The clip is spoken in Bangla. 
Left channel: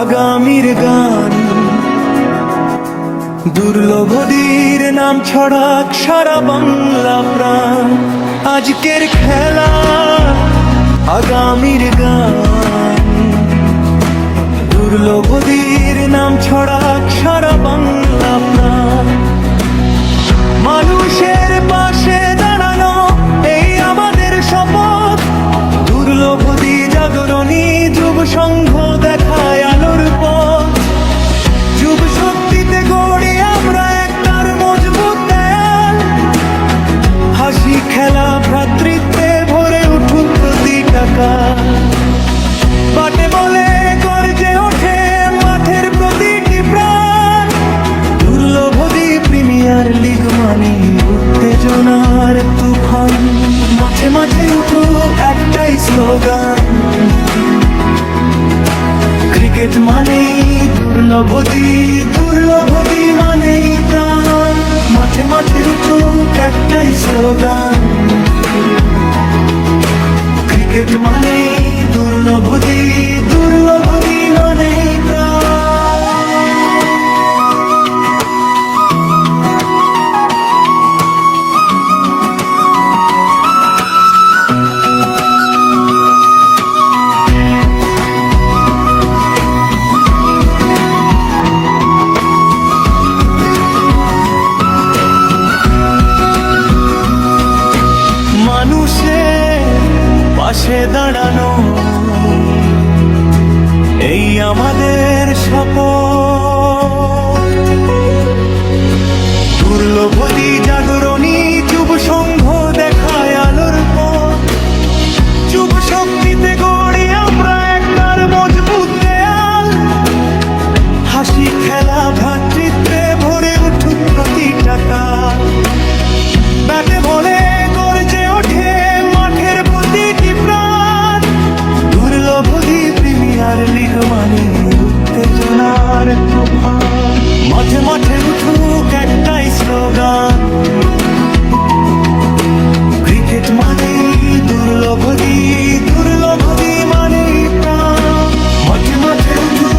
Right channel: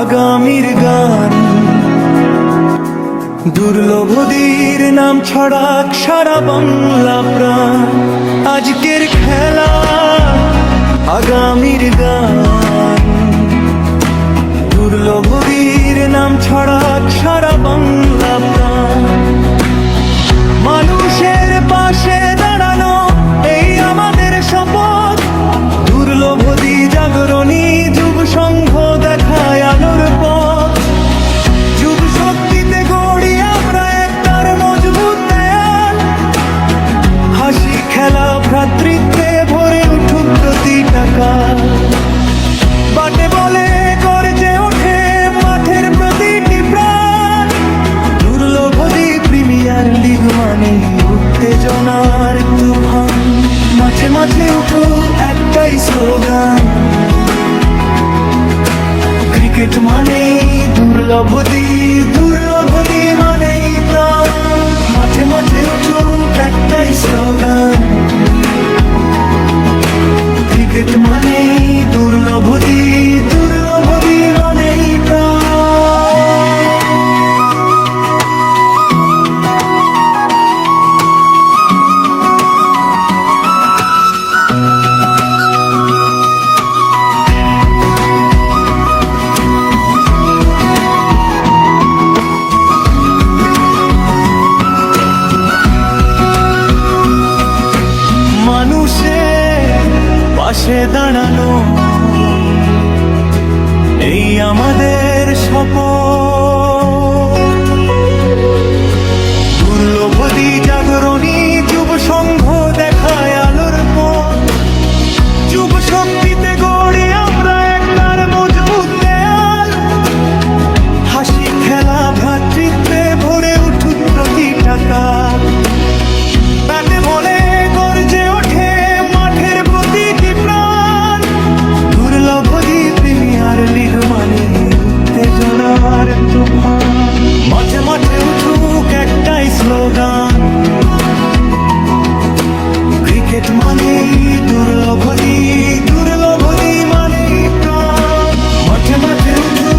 আগামীর গান। দুর্লভদীর নাম ছড়াক সারা বাংলা প্রাণ। আজকের খেলা আগামীর গান। দুর্লভদীর নাম ছড়াক সারা বাংলা প্রাণ। মানুষের পাশে দাঁড়ানো এই আমাদের শপথ। দুর্লভদী জাগরণী যুব সংঘ দেখায় আলোর পথ। যুব শক্তিতে গড়ি আমরা একতার মজবুত দেয়াল। হাসি খেলা ভ্রাতৃত্বে ভরে উঠুক প্রতিটা কাল। বাটে বলে গর্জে ওঠে মাঠের প্রতিটি প্রাণ। দুর্লভদী প্রিমিয়ার লিগ মানে উত্তেজনার তুফান। মাঠে মাঠে উঠো একটাই স্লোগান, ক্রিকেট মানেই দুর্লভদী, দুর্লভদী মানেই প্রাণ। মাঠে মাঠে উঠো একটাই স্লোগান, ক্রিকেট মানেই দুর্লভদী, দুর্লভদী মানেই প্রাণ। মানুষের পাশে দাঁড়ানো এই আমাদের শপথ। দুর্লভদী জাগরণী যুব সংঘ দেখায় আলোর পথ। যুব শক্তিতে গড়ি আমরা একতার মজবুত দেয়াল। হাসি খেলা ভ্রাতৃত্বে ভরে উঠুক প্রতিটা কাল। ব্যাটে বলে গর্জে ওঠে মাঠের প্রতিটি প্রাণ। দুর্লভদী প্রিমিয়ার লিগ মানে উত্তেজনার তুফান। মাঠে মাঠে উঠুক একটাই স্লোগান, ক্রিকেট মানেই দুর্লভদী, দুর্লভদী মানেই প্রাণ। মাঠে মাঠে উঠুক